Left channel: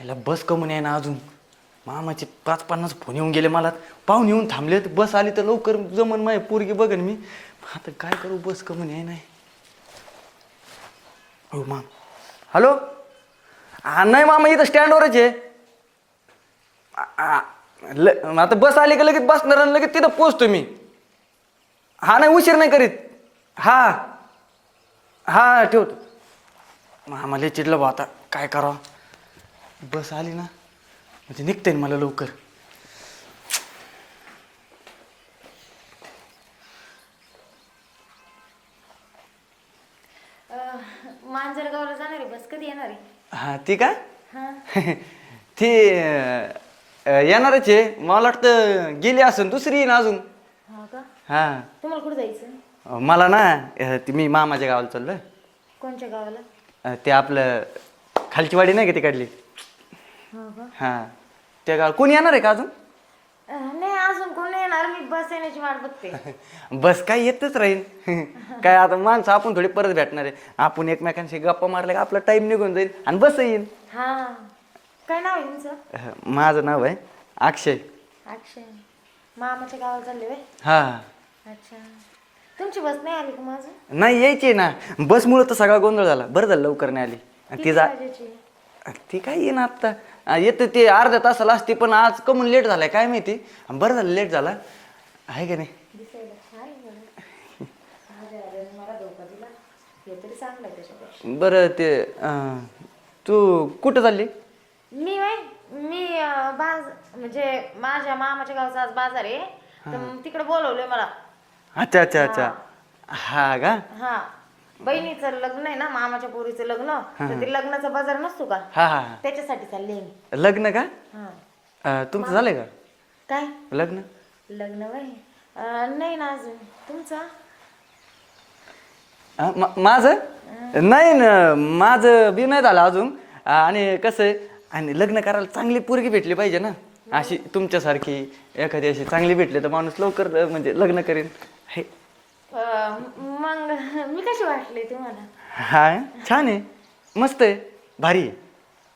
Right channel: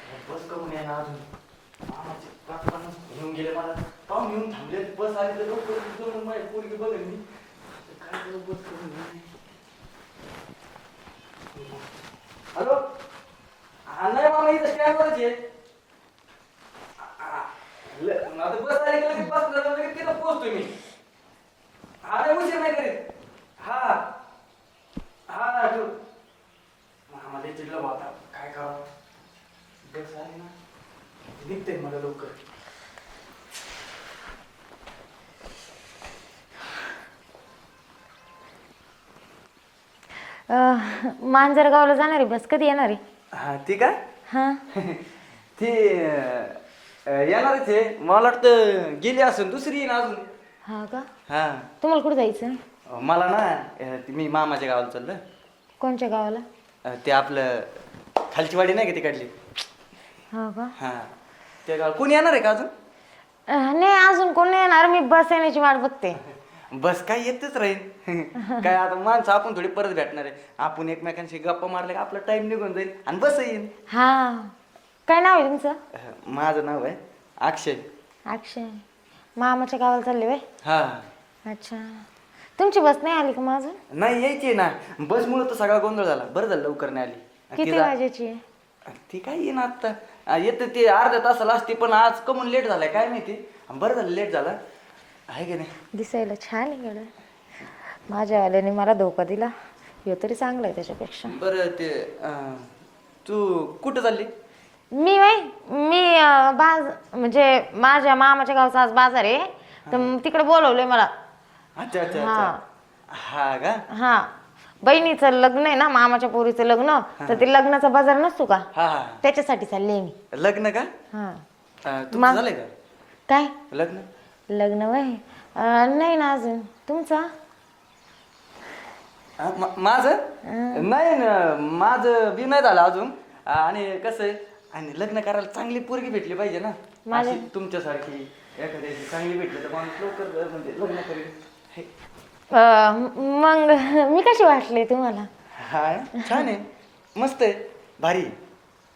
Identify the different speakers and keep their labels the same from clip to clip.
Speaker 1: याला बस कमून आहे ना अजून. मामाचे पाच पन्नास फोन येऊन गेले मला. पाहून येऊन थांबले तर बस आली तर लवकर जमन माय पोरगी बघन मी. आता काय करू बस कमून आहे नाही हो मा हॅलो? हा नाही मामा इथं स्टँडवरच आहे ल- आता बस आली का लगेच बसणार आणि लगेच तिथं पोचतो मी. हा नाही उशीर नाही करीत. हा. हा ठेवतो. मामा लय चिडलं बा आता. काय करावं? बस आली ना. म्हणजे निघता मला लवकर.
Speaker 2: अं, मांजरगावला जाणार आहे बस कधी येणार? आहे
Speaker 1: हा ती का?
Speaker 2: हां.
Speaker 1: ती अं, येणारच आहे. मला वाटतं गेली असून दुसरी येईन अजून.
Speaker 2: हा का?
Speaker 1: हा.
Speaker 2: तुम्हाला कुठं जायचं?
Speaker 1: अं, मला ना अं, ती मी मामाच्या गावाला चाललं
Speaker 2: कोणच्या गावाला?
Speaker 1: अं, ते आपलं खालची वाडी नाही का ती काढली?
Speaker 2: हो का?
Speaker 1: हा. त्या कोणी येणार आहे का अजून?
Speaker 2: अं, नाही अजून कोण नाही येणार. मी बस येण्याची वाट बघते.
Speaker 1: बस काय येतच राहील. काय आता माणसं आपण थोडी परत भेटणार आहे. आपण एकमेकांशी गप्पा मारले का आपला टाइम निघून जाईल आणि बस येईल.
Speaker 2: हा. काय नाव आहे तुमचं?
Speaker 1: अह, माझं नाव आहे अक्षय.
Speaker 2: अक्षय. मामाच्या गावाला चालले बाय
Speaker 1: हा.
Speaker 2: अच्छा. तुमची बस नाही आली का माझं
Speaker 1: नाही यायची ना. बसमुळे तर सगळा गोंधळ झाला. बरं झालं लवकर नाही आली. आणि ती
Speaker 2: किती
Speaker 1: जा
Speaker 2: वाजायची आहे?
Speaker 1: ती काय येईन आत्ता. अह, येते ते अर्ध्या तासाला असते पण आज कमून लेट झालाय काय माहिती? बरं झालं लेट झाला. आहे का नाही?
Speaker 2: दिसायला छान आहे गड्या माझ्यावाल्याने मला धोका दिला. हे तरी चांगलं आहे त्याच्यापेक्षा.
Speaker 1: बरं ते तू कुठं चालली?
Speaker 2: मी बाई मी अं, बाज म्हणजे माझ्या मामाच्या गावचा आज बाजार आहे. तर मग तिकडे बोलवलंय मला.
Speaker 1: अच्छा अच्छा अच्छा. हा का?
Speaker 2: हा. बहिणीचं लग्न आहे ना मामाच्या पोरीचं लग्न तर ते लग्नाचा बाजार नसतो का?
Speaker 1: हा हा.
Speaker 2: त्याच्यासाठी चालली मी.
Speaker 1: लग्न का?
Speaker 2: हा.
Speaker 1: तुमचं झालंय का?
Speaker 2: काय?
Speaker 1: लग्न?
Speaker 2: लग्न वय? नाही ना अजून. तुमचा?
Speaker 1: हा, मा- माझं? नाही ना माझं बी नाही झालं अजून. आणि कसं आहे आणि लग्न करायला चांगली पोरगी भेटली पाहिजे ना. अशी तुमच्यासारखी एखादी अशी चांगली भेटली तर माणूस लवकर अं, म्हणजे लग्न करेन. हे
Speaker 2: मग मी कशी वाटले तुम्हाला?
Speaker 1: हा छान आहे. मस्त आहे. भारी आहे.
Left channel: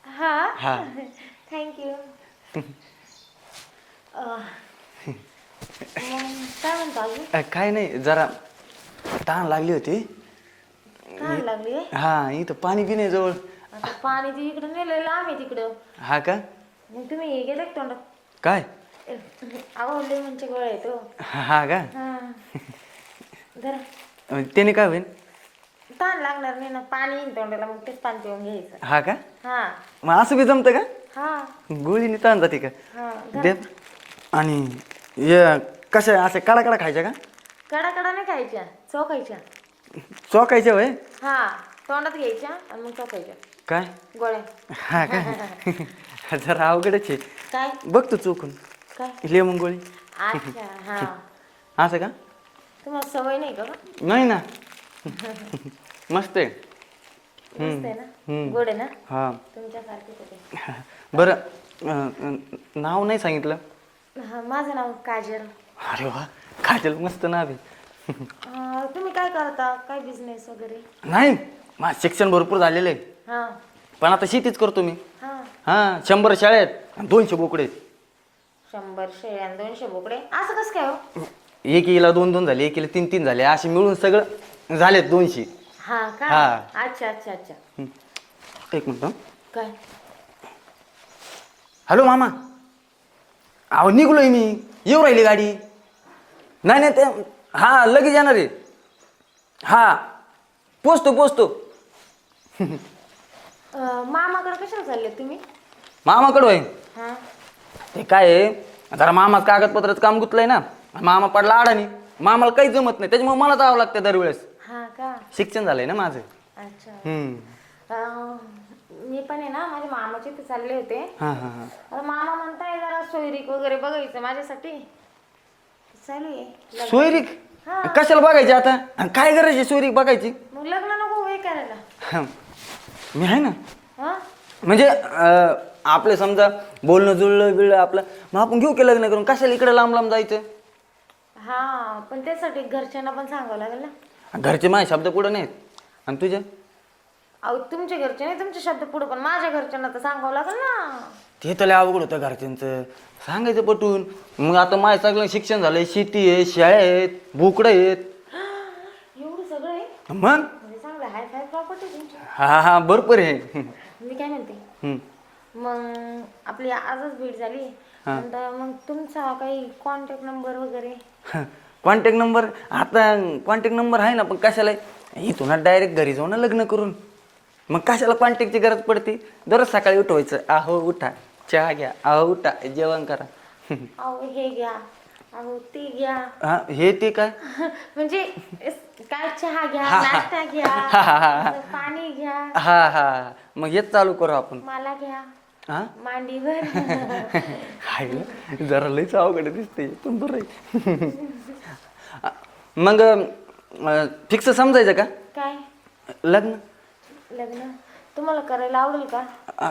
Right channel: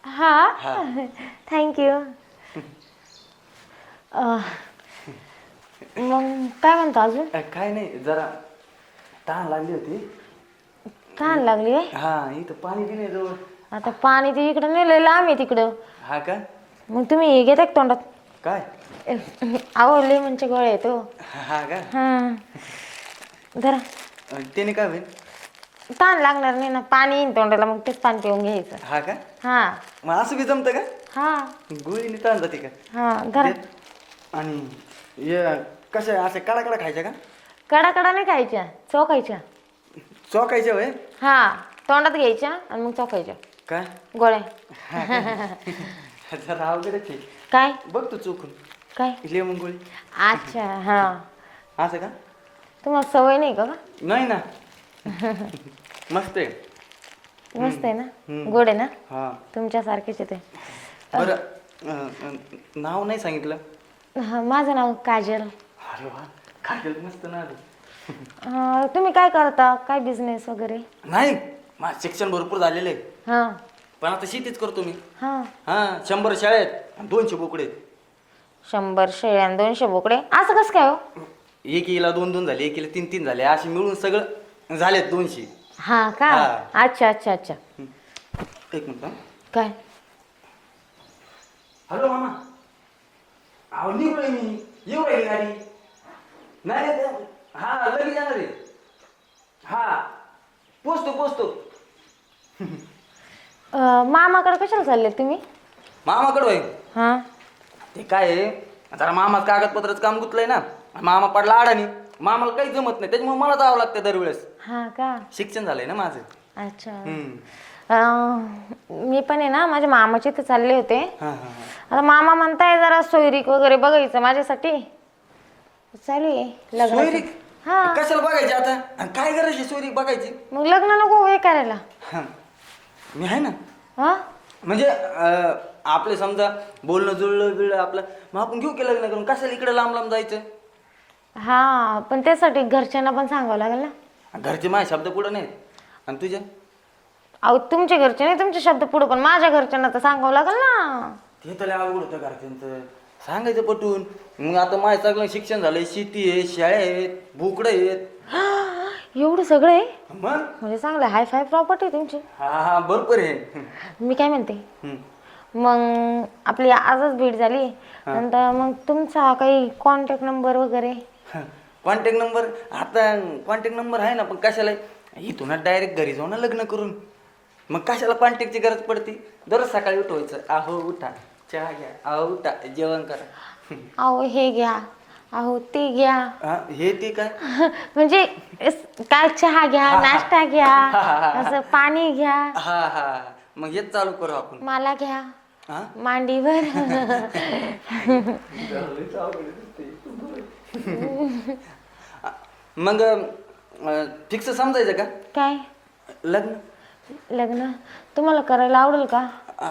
Speaker 2: हा?
Speaker 1: हा.
Speaker 2: थँक्यू मग काय म्हणतो अजून?
Speaker 1: अं, काय नाही जरा ताण लागली होती.
Speaker 2: छान लागली आहे
Speaker 1: हा इथं पाणी बी नाही जवळ.
Speaker 2: आता पाणी ते इकडं नेलंय लांब आहे तिकडं.
Speaker 1: हा का?
Speaker 2: मग तुम्ही घेता का तोंडात?
Speaker 1: काय?
Speaker 2: आवडले म्हणजे गोळ्या येतो
Speaker 1: हा का?
Speaker 2: हा. धरा
Speaker 1: अं, त्याने काय होईल?
Speaker 2: ताण लागणार नाही ना पाणी येईन तोंडाला मग तेच पाणी पिऊन घ्यायचं.
Speaker 1: हा का?
Speaker 2: हा.
Speaker 1: मग असं बी जमतं का?
Speaker 2: हा.
Speaker 1: गोळीने ताण जाते का?
Speaker 2: हा धरा
Speaker 1: देत. आणि हे कसं आहे, असं कडा कडा खायच्या का?
Speaker 2: कडा कडा नाही खायच्या चोखायच्या.
Speaker 1: चोकायच्या वय
Speaker 2: हा तोंडात घ्यायच्या आणि मग चोखायच्या.
Speaker 1: काय?
Speaker 2: गोळ्या.
Speaker 1: हा का? जरा अवघडच आहे.
Speaker 2: काय?
Speaker 1: बघ तू चोकून
Speaker 2: काय?
Speaker 1: लेमन गोळी.
Speaker 2: अच्छा हा.
Speaker 1: असं का?
Speaker 2: तुम्हाला सवय नाही का
Speaker 1: नाही ना. मस्त आहे.
Speaker 2: मस्त आहे ना? गोड आहे ना?
Speaker 1: हा.
Speaker 2: तुमच्यासारखेच आहे ते.
Speaker 1: बरं अं, नाव नाही सांगितलं?
Speaker 2: हा, माझं नाव काजल.
Speaker 1: अरे वा खाटेल मस्त नाव आहे.
Speaker 2: तुम्ही काय करता? काय बिझनेस वगैरे?
Speaker 1: नाही माझं शिक्षण भरपूर झालेलं आहे.
Speaker 2: हा.
Speaker 1: पण आता शेतीच करतो मी.
Speaker 2: हा.
Speaker 1: हा शंभर शाळेत आणि दोनशे बोकडे. आहेत.
Speaker 2: शंभर शेळ्या आणि दोनशे बोकडे? असं कसं काय हो?
Speaker 1: एकीला दोन दोन झाले एकीला तीन तीन झाले असे मिळून सगळं झालेत दोनशे.
Speaker 2: हा का?
Speaker 1: हा.
Speaker 2: अच्छा अच्छा अच्छा.
Speaker 1: एक मिनिट हं.
Speaker 2: काय?
Speaker 1: हॅलो मामा. अहो निघलोय मी. येऊ राहिली गाडी. नाही नाही ते हा लगेच येणार आहे. हा. पोचतो पोचतो.
Speaker 2: अं, मामाकडे कशाला चालले तुम्ही?
Speaker 1: मामाकडं होईन
Speaker 2: हा.
Speaker 1: ते काय आहे? जरा मामाच कागदपत्राचं काम गुतलंय ना. मामा पडला अडाणी. मामाला काही जमत नाही. त्याच्यामुळे मला जावं लागतं दरवेळेस.
Speaker 2: हा का?
Speaker 1: शिक्षण झालंय ना माझं.
Speaker 2: अच्छा.
Speaker 1: हम्म.
Speaker 2: अं, मी पण आहे ना माझ्या मामाचे इथे चालले होते.
Speaker 1: हा हा हा.
Speaker 2: आता मामा म्हणताय जरा सोयरीक वगैरे बघायचं माझ्यासाठी. चालू आहे.
Speaker 1: सोयरीक?
Speaker 2: हा.
Speaker 1: कशाला बघायची आता? आणि काय गरज आहे सोयरीक बघायची?
Speaker 2: मग लग्न नको हे करायला.
Speaker 1: हा. मी आहे ना.
Speaker 2: हा?
Speaker 1: म्हणजे अं, आपलं समजा बोलणं जुळलं बिळलं आपलं. मग आपण घेऊ की लग्न करून? कशाला इकडे लांब लांब जायचं?
Speaker 2: हा पण त्यासाठी घरच्यांना पण सांगावं लागेल ना.
Speaker 1: घरचे माझे शब्द पुढे नाहीत आणि तुझे?
Speaker 2: अहो तुमच्या घरचे नाही तुमचे शब्द पुढे पण माझ्या घरच्यांना तर सांगावं लागेल ना.
Speaker 1: ते तर लय अवघड होतं घरच्यांचं. सांगायचं पटून. मग आता माझं चांगलं शिक्षण झालंय. शेती आहे शाळा आहेत बोकडं आहेत.
Speaker 2: एवढं सगळं आहे?
Speaker 1: मग?
Speaker 2: म्हणजे चांगलं हाय फाय प्रॉपर्टी तुमची.
Speaker 1: हा हा भरपूर आहे.
Speaker 2: मी काय म्हणते?
Speaker 1: हम्म.
Speaker 2: मग आपली आजच भेट झाली. नंतर मग तुमचा काही कॉन्टॅक्ट नंबर वगैरे?
Speaker 1: कॉन्टॅक्ट नंबर आता कॉन्टॅक्ट नंबर आहे ना पण कशाला? इथून डायरेक्ट घरी जाऊ ना लग्न करून. मग कशाला कॉन्टॅक्टची गरज पडते? दररोज सकाळी उठवायचं. आहो उठा. चहा घ्या. आहो उठा. जेवण करा.
Speaker 2: अहो हे घ्या. अहो ते घ्या.
Speaker 1: हा, हे ते काय?
Speaker 2: म्हणजे काय चहा घ्या नाश्ता घ्या असं पाणी घ्या.
Speaker 1: हा हा. मग हेच चालू करू आपण.
Speaker 2: मला घ्या.
Speaker 1: हा?
Speaker 2: मांडीवर.
Speaker 1: हाय गं, जरा लयच अवघड दिसते पण बरं आहे. मग फिक्स समजायचं का?
Speaker 2: काय?
Speaker 1: लग्न?
Speaker 2: लग्न? तुम्हाला करायला आवडेल का?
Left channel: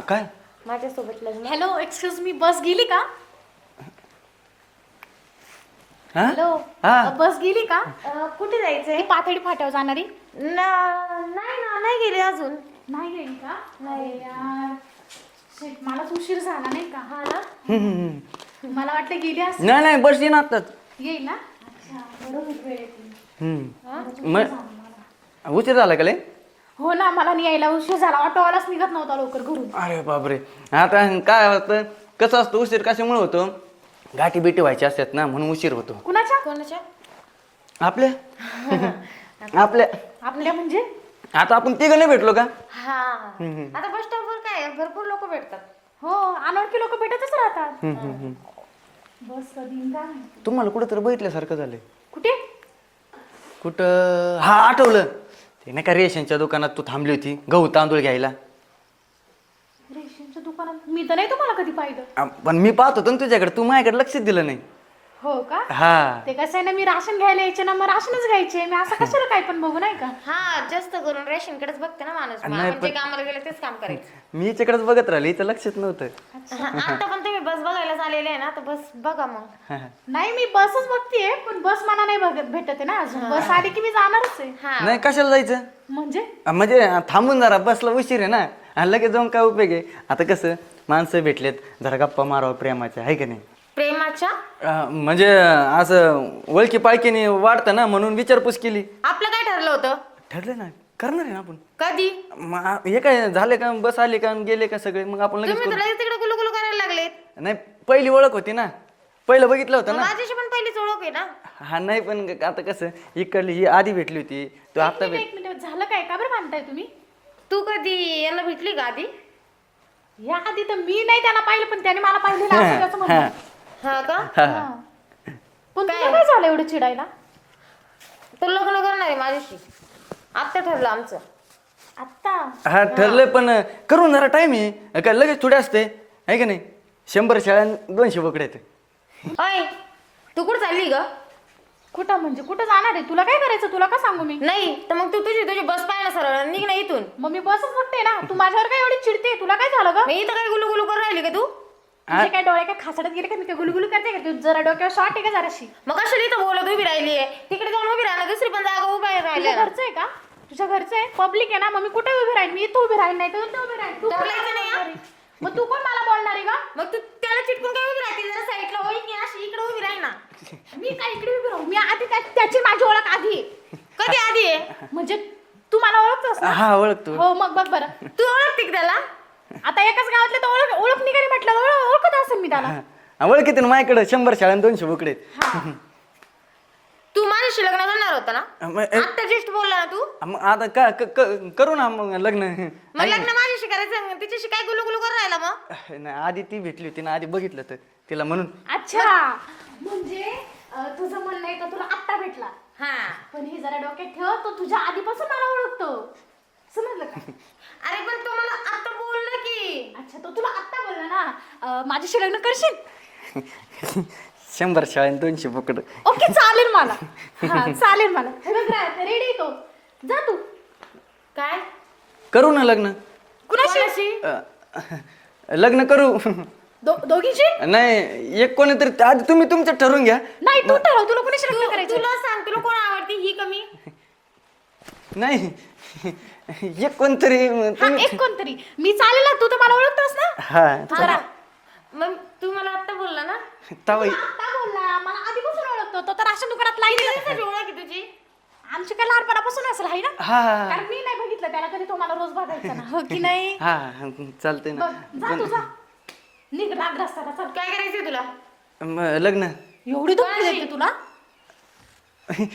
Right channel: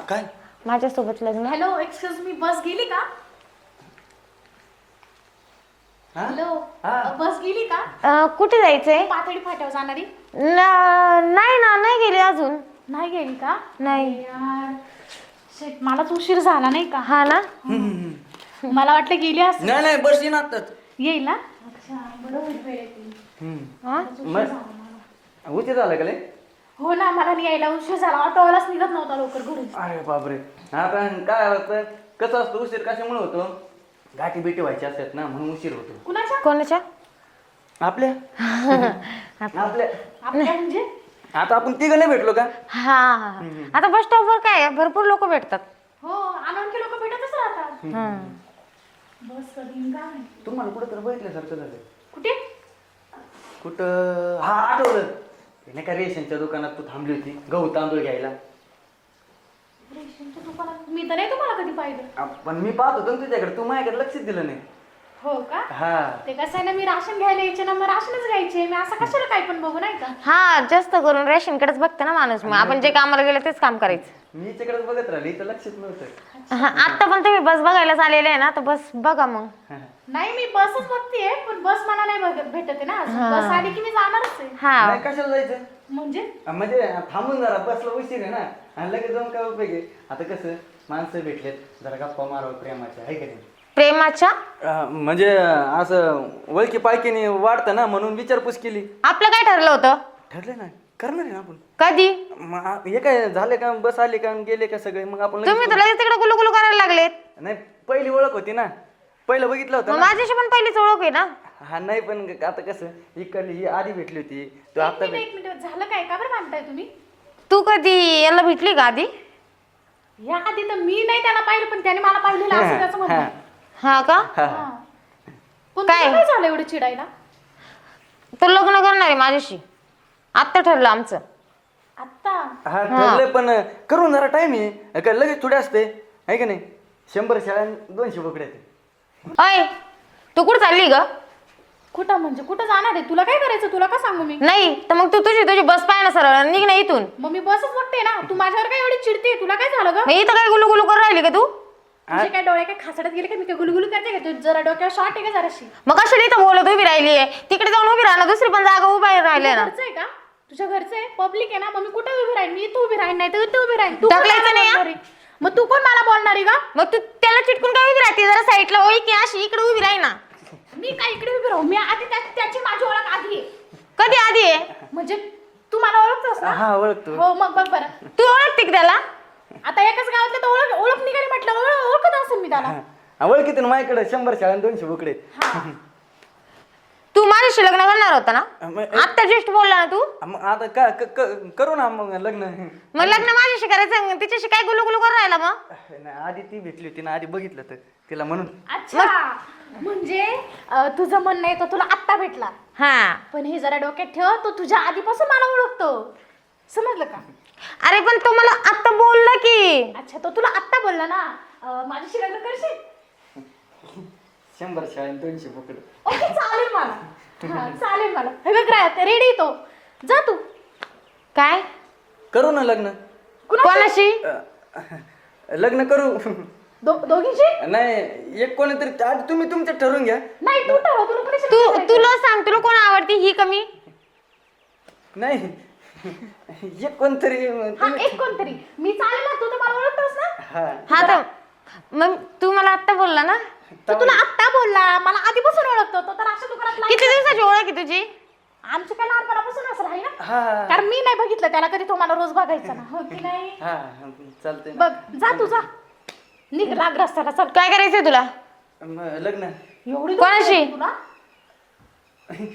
Speaker 1: काय?
Speaker 2: माझ्यासोबत लग्न.
Speaker 3: हॅलो एक्सक्यूज मी बस गेली का?
Speaker 1: हा?
Speaker 3: हॅलो
Speaker 1: हा.
Speaker 3: बस गेली का?
Speaker 2: अं, कुठे जायचंय?
Speaker 3: पातळी फाट्यावर जाणारी.
Speaker 2: न- नाही ना नाही गेली अजून.
Speaker 3: नाही गेली का?
Speaker 2: नाही.
Speaker 3: यार. मलाच उशीर झाला नाही का?
Speaker 2: हा ना.
Speaker 3: मला वाटलं गेली असं
Speaker 1: नाही नाही बस येईन आताच
Speaker 3: येईल ना.
Speaker 2: हा?
Speaker 1: उशीर झाला का लय?
Speaker 3: हो ना मला नाही यायला उशीर झाला. ऑटोवालाच निघत नव्हता लवकर घरून.
Speaker 1: अरे बापरे. आता काय होतं? कसं असतं उशीर कशामुळे होतो? गाठी बिटी व्हायची असतात ना म्हणून उशीर होतो.
Speaker 3: कुणाच्या?
Speaker 2: कोणाच्या?
Speaker 1: आपल्या? आपल्या.
Speaker 3: आपल्या म्हणजे?
Speaker 1: आता आपण तिघ नाही भेटलो का?
Speaker 2: हा. आता बस स्टॉपवर काय आहे, भरपूर लोक भेटतात.
Speaker 3: हो अनोळखी लोक भेटतच राहतात. बस कधी काय.
Speaker 1: तुम्हाला कुठं तर बघितल्यासारखं झालंय.
Speaker 3: कुठे?
Speaker 1: कुठं? हा आठवलं. ते नाही का रेशनच्या दुकानात तू थांबली होती? गहू तांदूळ घ्यायला.
Speaker 3: रेशनच्या दुकानात? मी तर नाही तुम्हाला कधी पाहिलं.
Speaker 1: आ, पण मी पाहत होतो ना तुझ्याकडे. तू माझ्याकडे लक्षच दिलं नाही.
Speaker 3: हो का?
Speaker 1: हा.
Speaker 3: ते कसं आहे ना मी राशन घ्यायला यायचे ना मग राशनच घ्यायचे. मी असं कशाला काय पण बघू नाही का?
Speaker 2: हा जास्त करून रेशनकडेच बघते ना माणूस. मग आपण जे कामाला गेले तेच काम करायचं.
Speaker 1: मी याच्याकडेच बघत राहिले हिचं लक्षच नव्हतं.
Speaker 2: हा, आता पण तुम्ही बस बघायला आलेले आहे ना तर बस बघा मग.
Speaker 3: नाही मी बसच बघतीये पण बस मला नाही बघत भेटत आहे ना अजून. बस आली की मी जाणारच आहे.
Speaker 2: हा.
Speaker 1: नाही कशाला जायचं?
Speaker 3: म्हणजे?
Speaker 1: म्हणजे थांबून जरा बसला उशीर आहे ना. आणि लगेच जाऊन काय उपयोग आहे? आता कसं माणसं भेटलेत जरा गप्पा मारावं प्रेमाच्या आहे का नाही?
Speaker 2: प्रेमाच्या?
Speaker 1: म्हणजे असं ओळखी पाळखीने वाढतं ना म्हणून विचारपूस केली.
Speaker 2: आपलं काय ठरलं होतं?
Speaker 1: ठरलं ना करणार आहे ना आपण.
Speaker 2: कधी?
Speaker 1: मग आ- हे काय झाले का बस आले का गेले का सगळे? मग आपण लगेच
Speaker 2: तुम्ही तर लगेच तिकडे गुलू गुलू करायला लागलेत.
Speaker 1: करू. नाही पहिली ओळख होती ना. पहिलं बघितलं होतं
Speaker 2: मग
Speaker 1: ना.
Speaker 2: माझ्याशी पण पहिलीच ओळख आहे ना?
Speaker 1: हा नाही पण आता कसं इकडली ही आधी भेटली होती. तू आता भेट
Speaker 3: मिनिट, एक मिनिट. झालं काय? का बरं म्हणताय तुम्ही?
Speaker 2: तू कधी याला भेटली का आधी?
Speaker 3: ह्या आधी तर मी नाही त्याला पाहिलं पण त्याने मला पाहिलेलं असं त्याचं म्हणणं आहे.
Speaker 2: हा का?
Speaker 1: हा.
Speaker 3: हा. पण
Speaker 2: काय?
Speaker 3: काय झालं एवढं चिडायला?
Speaker 2: तर लग्न करणार आहे माझ्याशी. आत्ता ठरलं आमचं.
Speaker 3: आत्ता?
Speaker 1: हा ठरलंय पण करून जरा टाइम आहे. काय लगेच थोडे असते. आहे का नाही? शंभर शाळा दोनशे बोकडे
Speaker 2: अय तू कुठं चालली ग?
Speaker 3: कुठं म्हणजे? कुठं जाणार आहे? तुला काय करायचं? तुला का सांगू मी?
Speaker 2: नाही तर मग तू तुझी तुझी बस पाय ना सरळ निघ ना इथून.
Speaker 3: मग मी बसच बघते ना. तू माझ्यावर काय एवढी चिडते तुला काय झालं ग?
Speaker 2: मग इथं काय गुलू गुलू करून राहिली का तू?
Speaker 3: तुझे काय डोळे काय खासडत गेले का? मी काय गुलगुलू करते का? तू जरा डोक्यावर शॉर्ट आहे का जराशी?
Speaker 2: मग कशाला इथं बोलत उभी राहिली आहे? तिकडे जाऊन उभी राहिला दुसरी पण जागा उभी राहिली ना
Speaker 3: घरचं आहे का? तुझ्या घरचं आहे? पब्लिक आहे ना? मग मी कुठे उभी राहीन? मी इथं उभी राहीन नाही तर इथं उभी राहीन. तू कोण
Speaker 2: ढकलायचं
Speaker 3: मला
Speaker 2: नाही, हा?
Speaker 3: बोलणार आहे? मग तू कोण मला बोलणार आहे का
Speaker 2: मग तू त्याला चिटकून काय उभी राहते? जरा साईडला ओळी की अशी इकडे उभी राही ना.
Speaker 3: मी काय इकडे उभी राहू? मी आधी त्या- त्याची माझी ओळख आधी आहे.
Speaker 2: कधी आधी आहे?
Speaker 3: म्हणजे तू मला ओळखतोस ना?
Speaker 1: हा ओळखतो.
Speaker 3: हो मग बघ बरं.
Speaker 2: तू ओळखते का त्याला?
Speaker 3: आता एकाच गावातले तर ओळख ओळख निघाली म्हटलं ओळख ओळखत असेल मी त्याला.
Speaker 1: ओळखीत ना माझ्याकडे शंभर शाळा आणि दोनशे बोकडे.
Speaker 2: तू माझ्याशी लग्न करणार होता ना?
Speaker 1: मग
Speaker 2: आता जस्ट बोलला ना तू?
Speaker 1: मग आता का क- क- करू ना मग लग्न.
Speaker 2: मग लग्न माझ्याशी करायचं मग. तिच्याशी काय गुलू गुलू करून राहिला मग?
Speaker 1: नाही, आधी ती भेटली होती ना आधी बघितलं तर तिला म्हणून.
Speaker 3: अच्छा. म्हणजे अं, तुझं म्हणणं आहे तो तुला आत्ता भेटला.
Speaker 2: हा.
Speaker 3: पण हे जरा डोक्यात ठेव तो तुझ्या आधीपासून मला ओळखतो. समजलं का?
Speaker 2: अरे पण तो मला आता बोलला की.
Speaker 3: अच्छा तो तुला आत्ता बोलला ना? अं, माझ्याशी लग्न करशील?
Speaker 1: शंभर शाळा आणि दोनशे बोकड
Speaker 3: ओके चालेल मला. हा, चालेल मला. हे बघ रेडी तो. जा तू.
Speaker 2: काय?
Speaker 1: करू ना लग्न.
Speaker 3: कुणाशी?
Speaker 2: कोणाशी?
Speaker 1: अ, लग्न करू.
Speaker 3: दो- दोघींशी?
Speaker 1: नाही एक कोणी तरी आधी तुम्ही तुमचं ठरवून घ्या.
Speaker 3: नाही तू ठरव तुला कोणाशी लग्न
Speaker 2: तू
Speaker 3: करायचं
Speaker 2: तुला सांग तुला कोण आवडते ही कमी.
Speaker 1: नाही. एक कोणतरी
Speaker 3: हा एक कोणतरी मी चालेल ना तू तर मला ओळखतोस ना?
Speaker 1: हा.
Speaker 2: हा मग तू मला आत्ता बोलला ना?
Speaker 3: तो तुला आत्ता बोलला. मला आधीपासून ओळखतो. तो तर राशन दुकानात
Speaker 2: किती
Speaker 3: लागला
Speaker 2: दिवसाची ओळख आहे तुझी?
Speaker 3: आमची काय लहानपणापासून असेल हाय ना?
Speaker 1: हा
Speaker 3: कारण मी नाही बघितलं त्याला कधी तो मला रोज बघायचा ना. हो की नाही?
Speaker 1: हा चालते ना.
Speaker 3: बघ जा तू जा. निघ राग रस्त्याला चल.
Speaker 2: काय करायचंय तुला?
Speaker 1: मग लग्न.
Speaker 3: एवढी
Speaker 2: कोणाशी?
Speaker 3: तुला?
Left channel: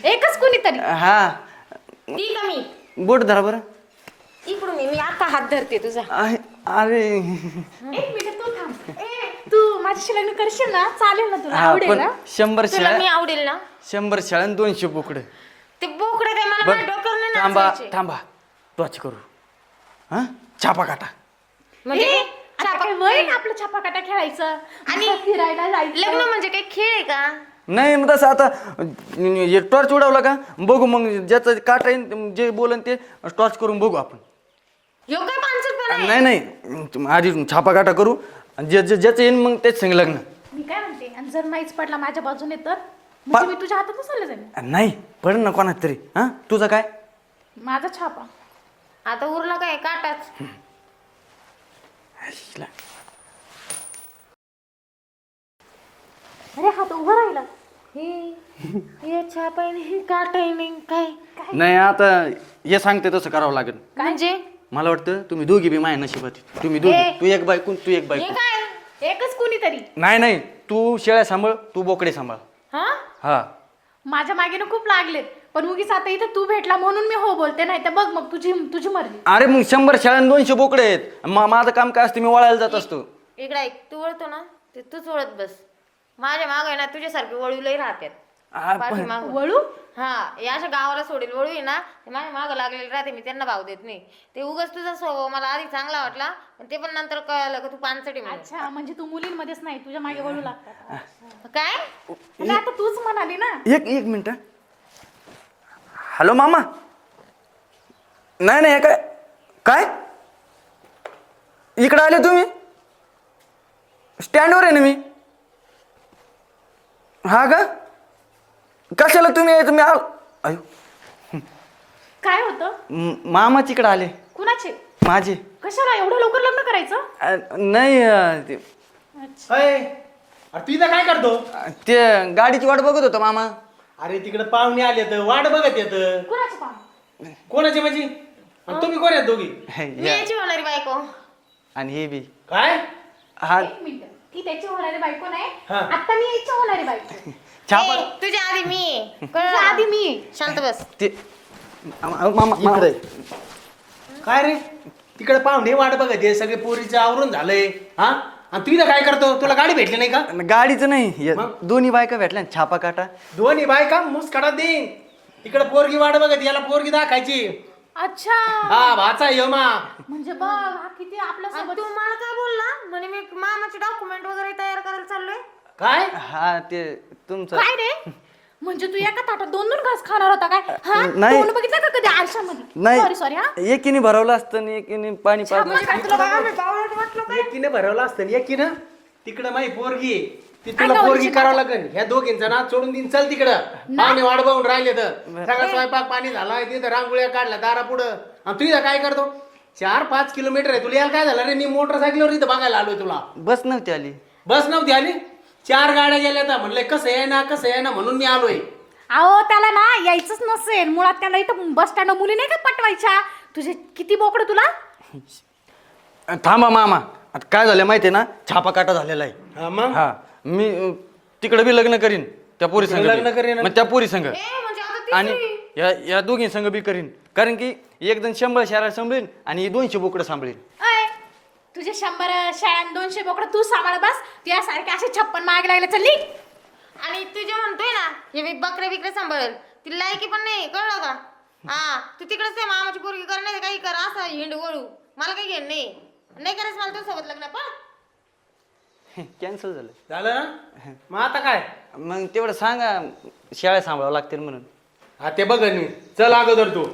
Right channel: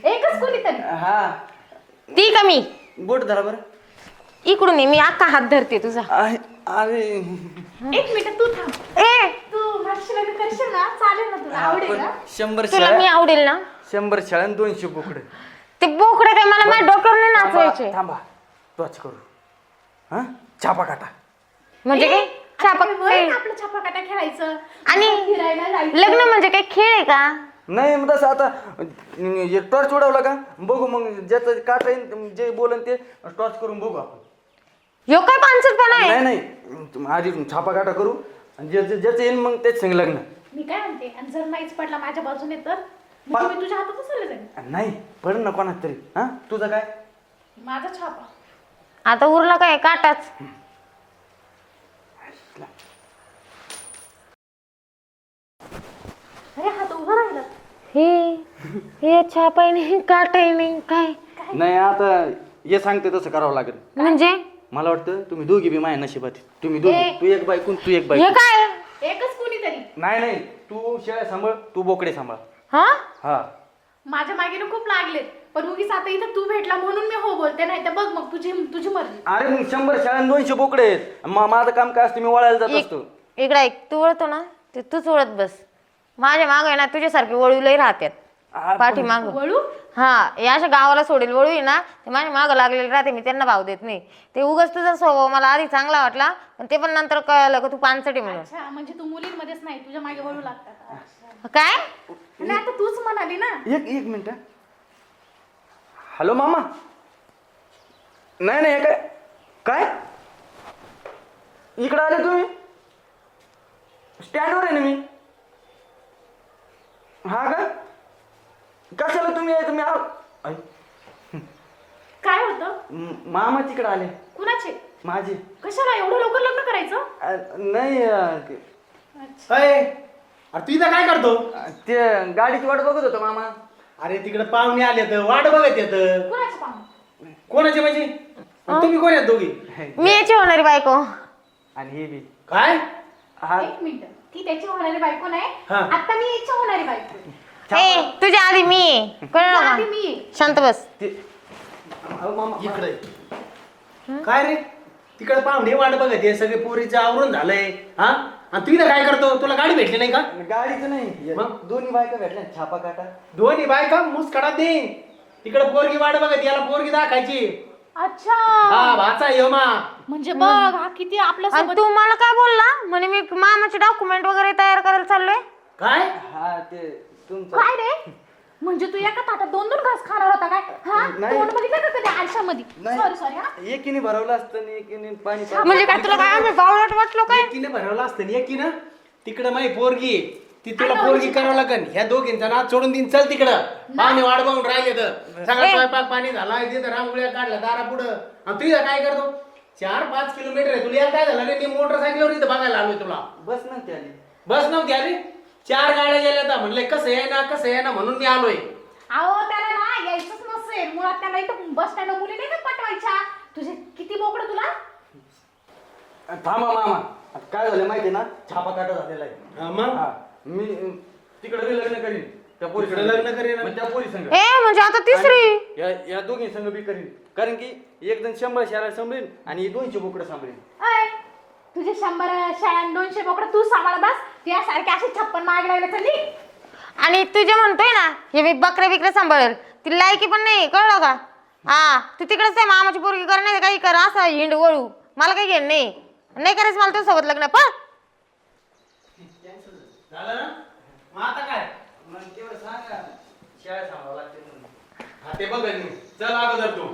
Speaker 3: एकच कोणीतरी.
Speaker 1: हा.
Speaker 2: ती कमी
Speaker 1: बोट धरा बरं.
Speaker 2: इकडून ये मी आता हात धरते तुझा.
Speaker 1: अरे अरे
Speaker 3: एक मिनिट तू थांब.
Speaker 2: ए!
Speaker 3: तू माझ्याशी लग्न करशील ना? चालेल ना तुला?
Speaker 1: हा
Speaker 3: आवडेल
Speaker 1: पण
Speaker 3: ना?
Speaker 1: शंभर
Speaker 2: तुला मी
Speaker 1: शेळ्या
Speaker 2: आवडेल ना?
Speaker 1: शंभर शेळ्या आणि दोनशे बोकडे.
Speaker 2: ते बोकडे काय मला माझ्या डोक्यावर नाही
Speaker 1: थांबा
Speaker 2: नाचवायचे
Speaker 1: थांबा. टॉच करू. हा? छापा काटा.
Speaker 2: म्हणजे
Speaker 3: ए,
Speaker 2: काय?
Speaker 3: आता
Speaker 2: छापा
Speaker 3: काय वय आपलं छापाकाटा खेळायचं?
Speaker 2: आणि
Speaker 3: बाहेर फिरायला जायचं.
Speaker 2: लग्न म्हणजे काय? खेळ आहे का?
Speaker 1: नाही मग तसं आता एक टॉर्च उडवला का? बघू मग ज्याचं काटा येईन जे बोलन ते टॉर्च करून बघू आपण.
Speaker 2: यो काय पानसटपणा आहे?
Speaker 1: नाही नाही. तुम- आधी छापा काटा करू. आणि ज्या ज्या- ज्याचं येईन मग तेच संग लग्न.
Speaker 3: मी काय म्हणते? आणि जर नाहीच पडला माझ्या बाजूने तर? म्हणजे मी तुझ्या हातात जाईल.
Speaker 1: नाही पड ना कोणात तरी. हा? तुझा काय?
Speaker 3: माझा छापा.
Speaker 2: आता उरला काय? काटाच.
Speaker 3: अरे हात उभा राहिला.
Speaker 2: हे हे छापाय नाही काटाय नाही काय?
Speaker 1: नाही आता हे सांगते तसं करावं लागेल.
Speaker 2: म्हणजे?
Speaker 1: मला वाटतं तुम्ही दोघी बी माझ्या नशिबात आहे. तुम्ही दोघी.
Speaker 2: ए.
Speaker 1: तू एक बायकून तू एक
Speaker 2: हे
Speaker 1: बायकून
Speaker 2: काय?
Speaker 3: एकच कोणीतरी.
Speaker 1: नाही नाही. तू शेळ्या सांभाळ तू बोकडे सांभाळ.
Speaker 2: हा?
Speaker 1: हा.
Speaker 3: माझ्या मागेनं खूप लागलेत. पण उगीच आता इथं तू भेटला म्हणून मी हो बोलते नाही तर बघ मग तुझी तुझी मर्जी.
Speaker 1: अरे मग शंभर शेळ्या आणि दोनशे बोकडे आहेत. मा- माझं काम काय असतं? मी वळायला जात असतो.
Speaker 2: इकडे ऐक तू वळतो ना? ते तूच वळत बस. माझ्या माग आहे ना तुझ्यासारखे वळूलही राहतात. पाठी माग.
Speaker 3: वळू?
Speaker 2: हा या अशा गावाला सोडेल वळू आहे ना. ते माझ्या मागं लागलेले राहते मी त्यांना भाव देत नाही. ते उगाच तुझा स्वभाव मला आधी चांगला वाटला पण ते पण नंतर कळलं का तू पानसटी म्हणून.
Speaker 3: अच्छा म्हणजे तू मुलींमध्येच नाही तुझ्या मागे वळू लागतात.
Speaker 2: काय?
Speaker 3: आता तूच म्हणाली ना.
Speaker 1: एक एक मिनिट. हॅलो मामा. नाही नाही हे काय? काय? इकडे आले तुम्ही? स्टँडवर आहे ना मी. हा का कशाला तुम्ही तुम्ही आल अयो,
Speaker 3: काय होतं?
Speaker 1: म- मामा तिकडे आले.
Speaker 3: कुणाचे?
Speaker 1: माझे.
Speaker 3: कशाला? एवढं लवकर लग्न करायचं?
Speaker 1: अ, नाही अ, ते-
Speaker 4: अय, अरे तू इथं काय करतो?
Speaker 1: ते गाडीची वाट बघत होतो मामा.
Speaker 4: अरे तिकडे पाहुणे आले तर वाट बघत येत.
Speaker 3: कुणाचे
Speaker 4: म्हणजे? आणि तुम्ही कोण आहेत दोघी?
Speaker 2: मी याची होणारी बायको.
Speaker 1: आणि हे बी.
Speaker 4: काय?
Speaker 1: हा.
Speaker 3: एक मिनिट. ती त्याची होणारी बायको नाही.
Speaker 4: हा.
Speaker 3: आता मी याची होणारी बायको.
Speaker 2: ए, तुझ्या आधी मी
Speaker 3: मी.
Speaker 2: शांत बस.
Speaker 1: ते
Speaker 4: इकडे. काय रे? तिकडे पाहुणे वाट बघत आहे. सगळे पोरीचं आवरून झालंय. हा? आणि तू इथं काय करतो? तुला गाडी भेटली नाही का?
Speaker 1: गाडीचं नाही. हे
Speaker 4: मग?
Speaker 1: दोन्ही बायका भेटल्या ना, छापा काटा.
Speaker 4: दोन्ही बायका मुस काढा दे इकडे पोरगी वाट बघत याला पोरगी दाखायची.
Speaker 3: अच्छा.
Speaker 4: हा भाचा यमा
Speaker 3: म्हणजे बघ हा किती आपल्या
Speaker 2: आणि
Speaker 3: सोबत
Speaker 2: तू मला काय बोलला? म्हणे मी मामाचे डॉक्युमेंट वगैरे तयार करायला चाललोय.
Speaker 4: काय?
Speaker 1: हा ते तुमचं.
Speaker 3: काय रे? म्हणजे तू एका ताटात दोन दोन घास खाणार होता काय? हा?
Speaker 1: नाही.
Speaker 3: तोंड बघितलं का कधी आरशामध्ये?
Speaker 1: नाही.
Speaker 3: सॉरी सॉरी हा?
Speaker 1: एकीने भरवलं असतं आणि एकीने पाणी पा-
Speaker 2: म्हणजे काय तुला काय आम्ही बावळट वाटलो काय?
Speaker 4: एकीने भरवलं असतं एकीनं तिकडं माही पोरगी आहे. ती तुला पोरगी करावं लागन. ह्या दोघींचा ना सोडून दिन चल तिकडं. पाणी वाट बघून राहिले तर. सगळा स्वयंपाक पाणी झाला तिथं रांगोळ्या काढल्या दारा पुढं. आणि तू इथं काय करतो? चार पाच किलोमीटर आहे. तुला यायला काय झालं? रे मी मोटरसायकलवर इथं बघायला आलोय तुला.
Speaker 1: बस नव्हती आली.
Speaker 4: बस नव्हती आली? चार गाड्या गेल्या तर म्हणले कसं आहे ना कसं आहे ना? म्हणून मी आलोय.
Speaker 3: अहो त्याला ना यायचंच नसेल. मुळात त्याला इथं बस स्टँड मुली नाही का पटवायच्या तुझे किती बोकड तुला?
Speaker 1: थांबा मामा. आता काय झालं माहितीये ना? छापा काटा झालेला आहे.
Speaker 4: हा मग?
Speaker 1: हा. मी अं, तिकडे बी लग्न करीन त्या पोरी संग बी.
Speaker 4: लग्न करीन?
Speaker 1: मग त्या पोरी संग.
Speaker 2: ए म्हणजे आता तिसरी?
Speaker 1: या या दोघी संघ बी करीन. कारण की एक जण शंभर शहरा सांभाळीन आणि ही दोनशे बोकडं सांभाळीन.
Speaker 3: अय तुझे शंभर शाळां दोनशे बोकड तू सांभाळ बस. त्यासारखे असे छप्पन मागे लागले चल निघ.
Speaker 2: आणि तू जे म्हणतोय ना हे मी बकरे बिकरे सांभाळेल. ती लायकी पण नाही कळलं का? हा तू तिकडेच आहे मामाची पोरगी कर नाही तर काही कर असं हिंड वळू. मला काही घेण नाही नाही करायचं मला तुझ्या सोबत लग्न पण
Speaker 1: कॅन्सल झालं.
Speaker 4: झालं? ना? मग आता काय?
Speaker 1: मग तेवढं सांगा शाळा सांभाळावं लागतील म्हणून.
Speaker 4: हा ते बघ चल अगोदर तू.